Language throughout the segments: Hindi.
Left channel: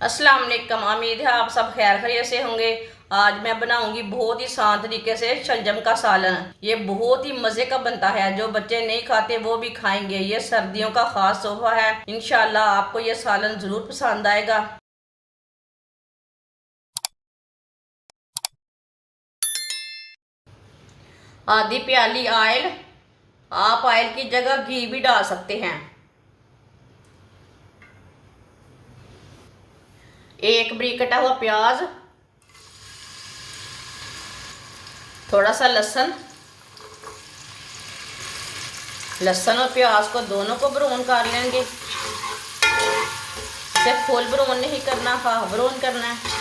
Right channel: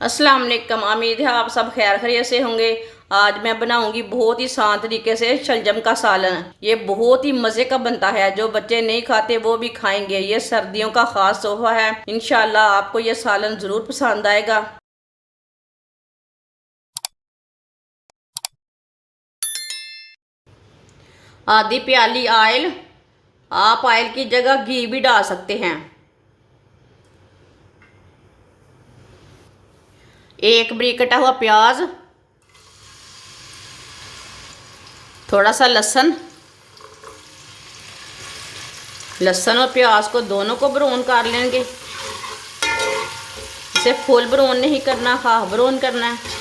अस्सलाम वालेकुम। उम्मीद है आप सब खैर खैरियत से होंगे। आज मैं बनाऊंगी बहुत ही आसान तरीके से शलजम का सालन। ये बहुत ही मज़े का बनता है, जो बच्चे नहीं खाते वो भी खाएंगे। ये सर्दियों का खास तोहफा है। इंशाल्लाह आपको ये सालन ज़रूर पसंद आएगा। आधी प्याली ऑयल, आप ऑयल की जगह घी भी डाल सकते हैं। एक बारीक कटा हुआ प्याज, थोड़ा सा लहसुन। लहसुन और प्याज को दोनों को ब्राउन कर लेंगे। इसे फुल ब्राउन नहीं करना, हाफ ब्राउन करना है।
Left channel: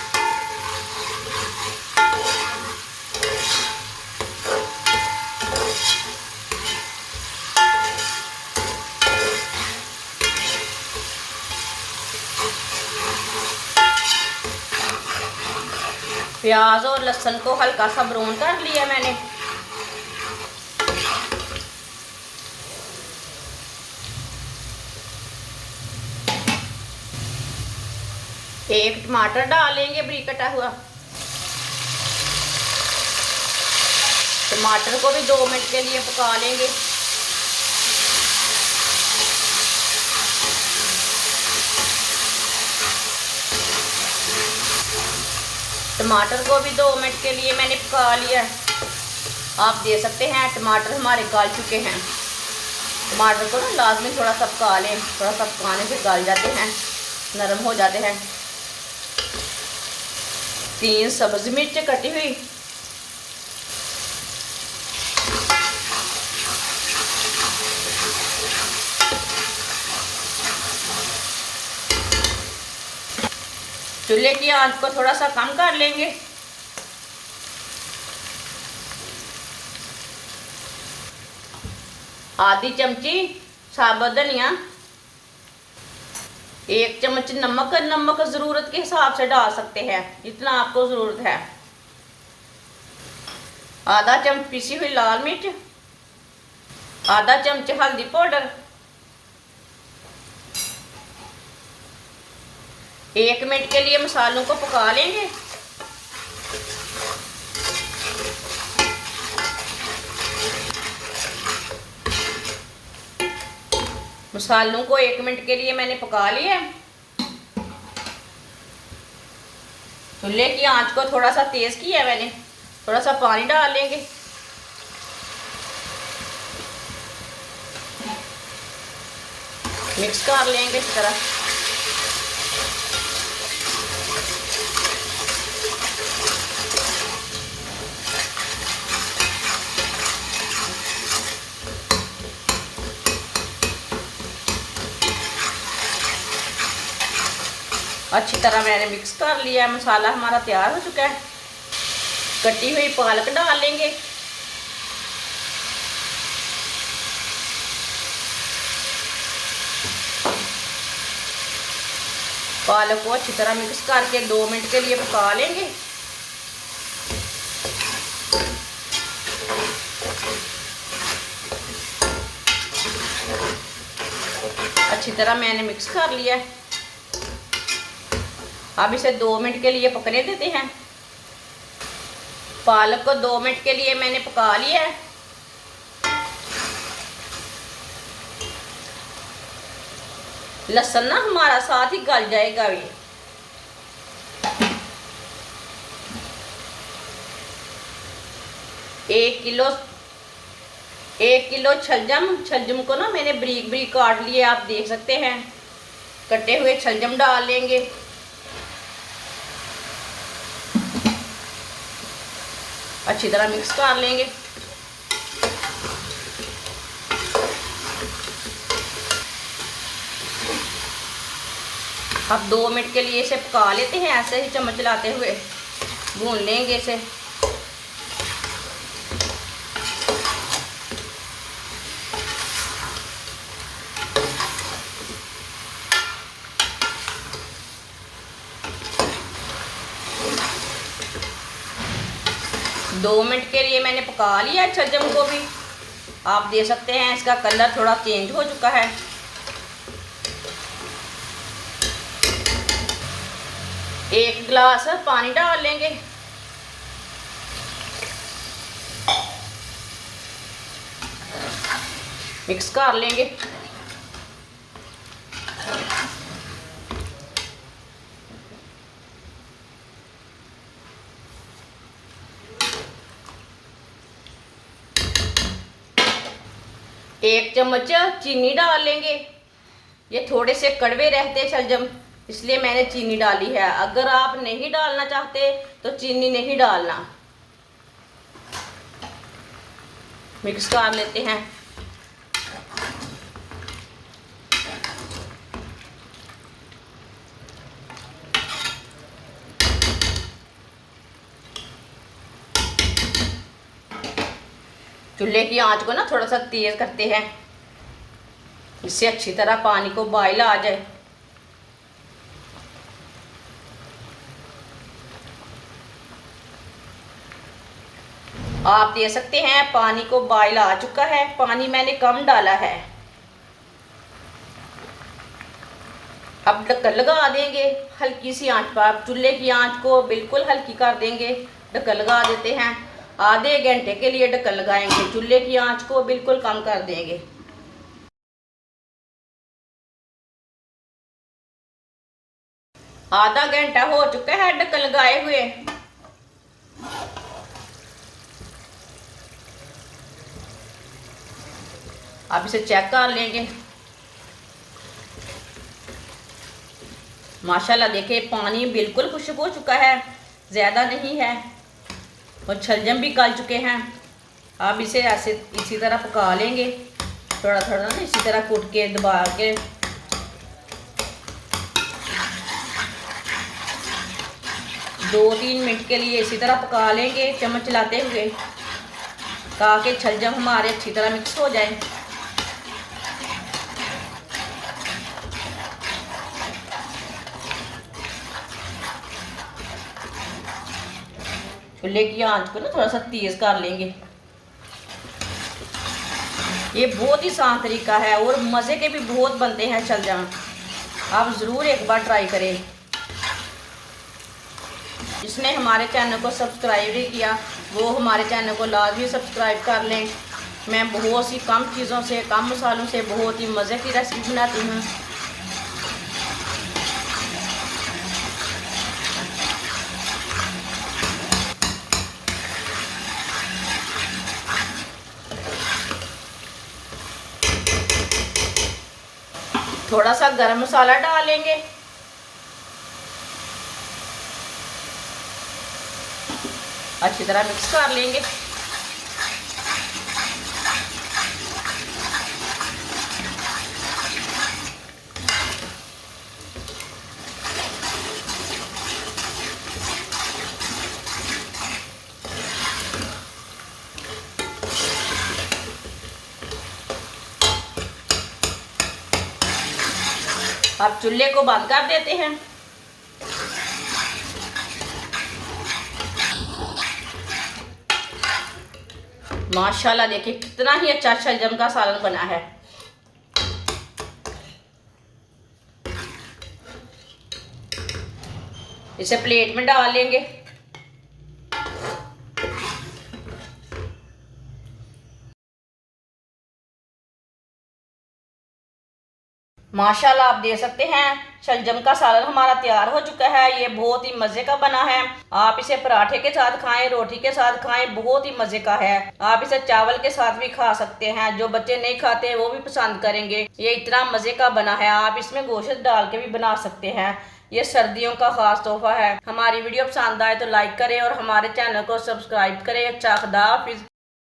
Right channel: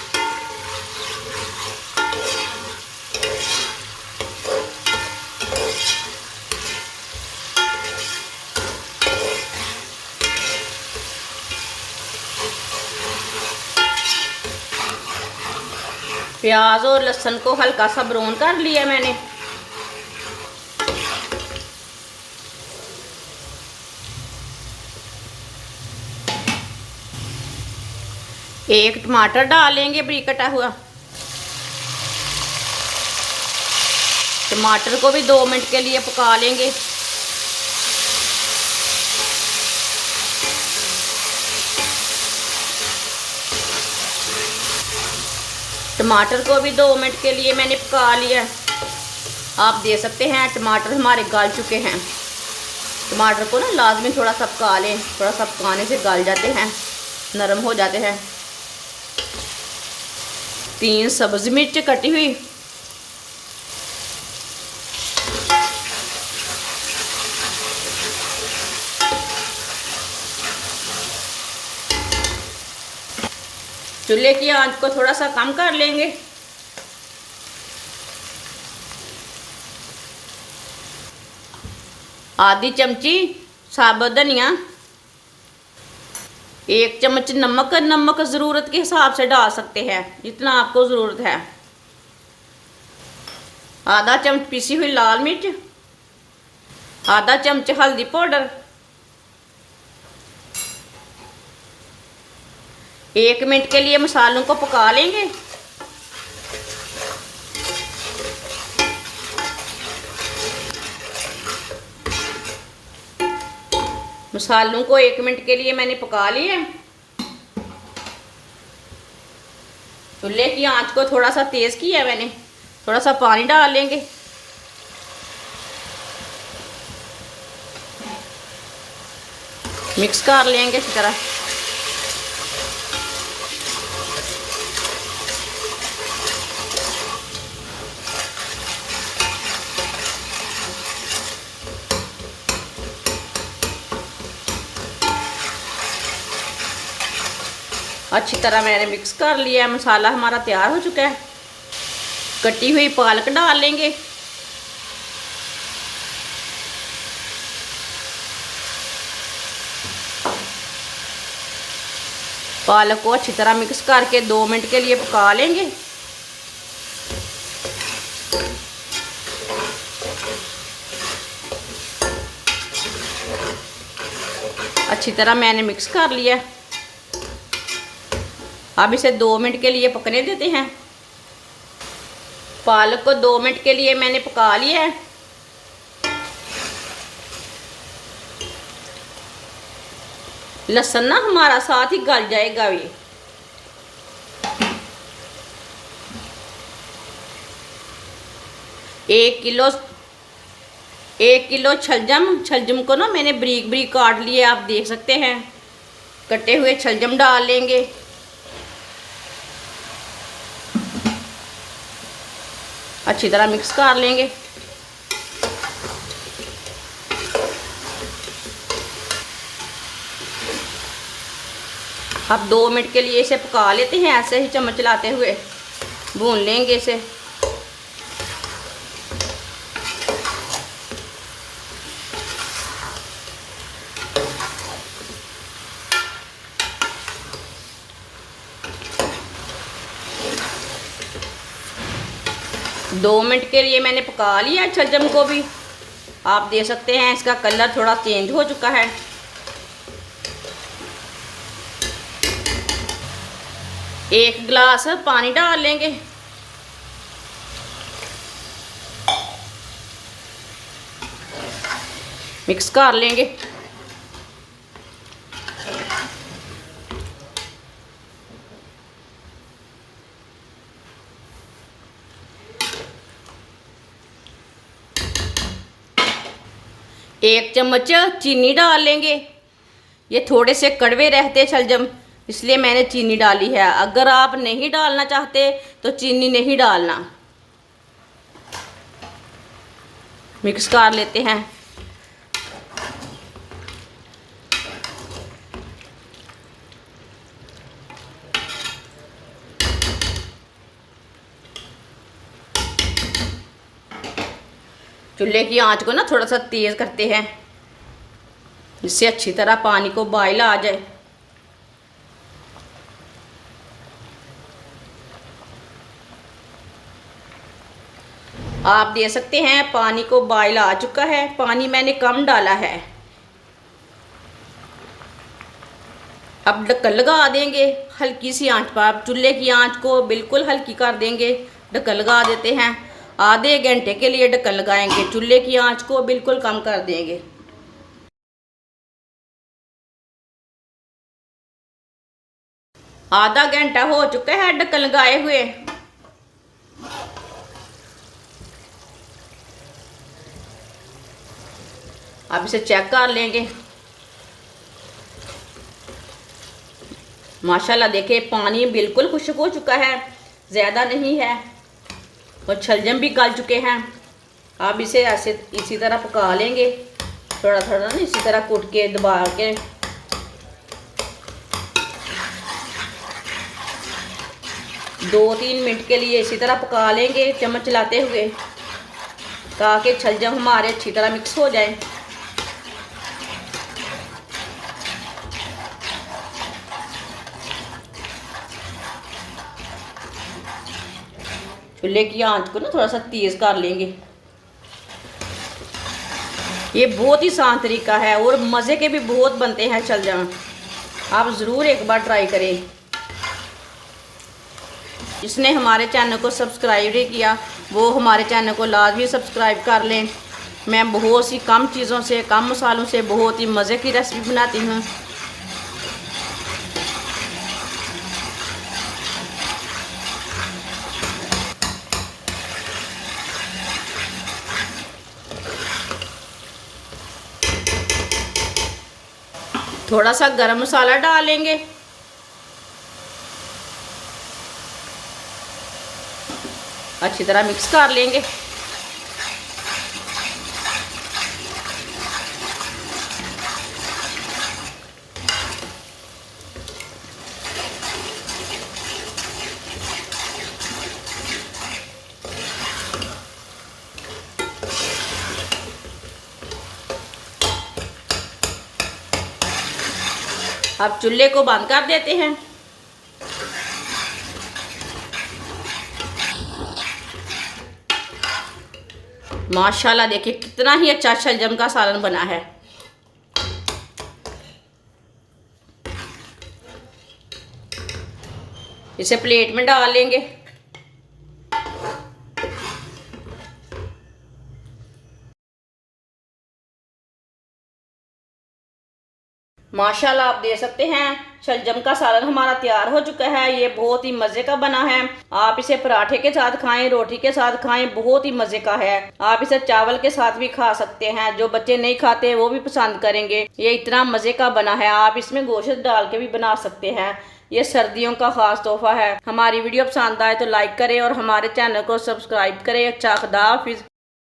प्याज और लहसुन को हल्का सा ब्राउन कर लिया मैंने। एक टमाटर डालेंगे बारीक कटा हुआ। टमाटर को भी 2 मिनट के लिए पका लेंगे। टमाटर को भी 2 मिनट के लिए मैंने पका लिया। आप दे सकते हैं टमाटर हमारे गल चुके हैं। टमाटर को ना लाजमी थोड़ा सा पका लें, थोड़ा सा पकाने से गल जाते हैं, नरम हो जाते हैं। 3 सब्ज़ मिर्च कटी हुई, चूल्हे की आंच को थोड़ा सा कम कर लेंगे। आधी चमची साबुत धनिया, 1 चम्मच नमक। नमक ज़रूरत के हिसाब से डाल सकते हैं, जितना आपको ज़रूरत है। आधा चम्मच पीसी हुई लाल मिर्च, आधा चम्मच हल्दी पाउडर। 1 मिनट के लिए मसालों को पका लेंगे। मसालों को 1 मिनट के लिए मैंने पका लिया। चूल्हे की आंच को थोड़ा सा तेज किया मैंने। थोड़ा सा पानी डाल लेंगे। मिक्स कर लेंगे इस तरह। अच्छी तरह मैंने मिक्स कर लिया। मसाला हमारा तैयार हो चुका है। कटी हुई पालक डाल लेंगे। पालक को अच्छी तरह मिक्स करके 2 मिनट के लिए पका लेंगे। अच्छी तरह मैंने मिक्स कर लिया। अब इसे 2 मिनट के लिए पकने देते हैं। पालक को 2 मिनट के लिए मैंने पका लिया है। लहसुन ना हमारा साथ ही गल जाएगा। ये 1 किलो छलजम को ना मैंने बारीक बारीक काट लिए। आप देख सकते हैं। कटे हुए छलजम डाल लेंगे। अच्छी तरह मिक्स कर लेंगे। अब 2 मिनट के लिए इसे पका लेते हैं। ऐसे ही चम्मच चलाते हुए भून लेंगे इसे। दो मिनट के लिए मैंने पका लिया छलजम को भी। आप देख सकते हैं इसका कलर थोड़ा चेंज हो चुका है। 1 गिलास पानी डाल लेंगे। मिक्स कर लेंगे। एक चम्मच चीनी डाल लेंगे। ये थोड़े से कड़वे रहते शलजम, इसलिए मैंने चीनी डाली है। अगर आप नहीं डालना चाहते तो चीनी नहीं डालना। मिक्स कर लेते हैं। चूल्हे की आंच को ना थोड़ा सा तेज करते हैं, इससे अच्छी तरह पानी को बॉयल आ जाए। आप दे सकते हैं पानी को बॉयल आ चुका है, पानी मैंने कम डाला है। अब ढक्कन लगा देंगे हल्की सी आंच पर। चूल्हे की आंच को बिल्कुल हल्की कर देंगे। ढक्कन लगा देते हैं। आधे घंटे के लिए ढक्कन लगाएंगे। चूल्हे की आंच को बिल्कुल कम कर देंगे। आधा घंटा हो चुका है ढक्कन लगाए हुए। अब इसे चेक कर लेंगे। माशाल्लाह देखिए पानी बिल्कुल खुश्क हो चुका है, ज़्यादा नहीं है, और शलजम भी गल चुके हैं। अब इसे ऐसे इसी तरह पका लेंगे। थोड़ा थोड़ा ना इसी तरह कूट के दबा के। 2-3 मिनट के लिए इसी तरह पका लेंगे चम्मच चलाते हुए, ताकि शलजम हमारे अच्छी तरह मिक्स हो जाए। चूल्हे की आंच को ना थोड़ा सा तेज कर लेंगे। ये बहुत ही आसान तरीका है और मज़े के भी बहुत बनते हैं शलजम। आप ज़रूर एक बार ट्राई करें। जिसने हमारे चैनल को सब्सक्राइब नहीं किया वो हमारे चैनल को लाजमी सब्सक्राइब कर लें। मैं बहुत सी कम चीज़ों से, कम मसालों से बहुत ही मज़े की रेसिपी बनाती हूँ। थोड़ा सा गरम मसाला डालेंगे। अच्छी तरह मिक्स कर लेंगे। अब चूल्हे को बंद कर देते हैं। माशाल्लाह देखिए कितना ही अच्छा शलजम का सालन बना है। इसे प्लेट में डाल लेंगे। माशाल्लाह आप दे सकते हैं शलजम का सालन हमारा तैयार हो चुका है। ये बहुत ही मज़े का बना है। आप इसे पराठे के साथ खाएं, रोटी के साथ खाएं, बहुत ही मज़े का है। आप इसे चावल के साथ भी खा सकते हैं। जो बच्चे नहीं खाते वो भी पसंद करेंगे। ये इतना मज़े का बना है। आप इसमें गोश्त डाल के भी बना सकते हैं। ये सर्दियों का खास तोहफा है। हमारी वीडियो पसंद आए तो लाइक करें और हमारे चैनल को सब्सक्राइब करें। अच्छा खुदा हाफिज़।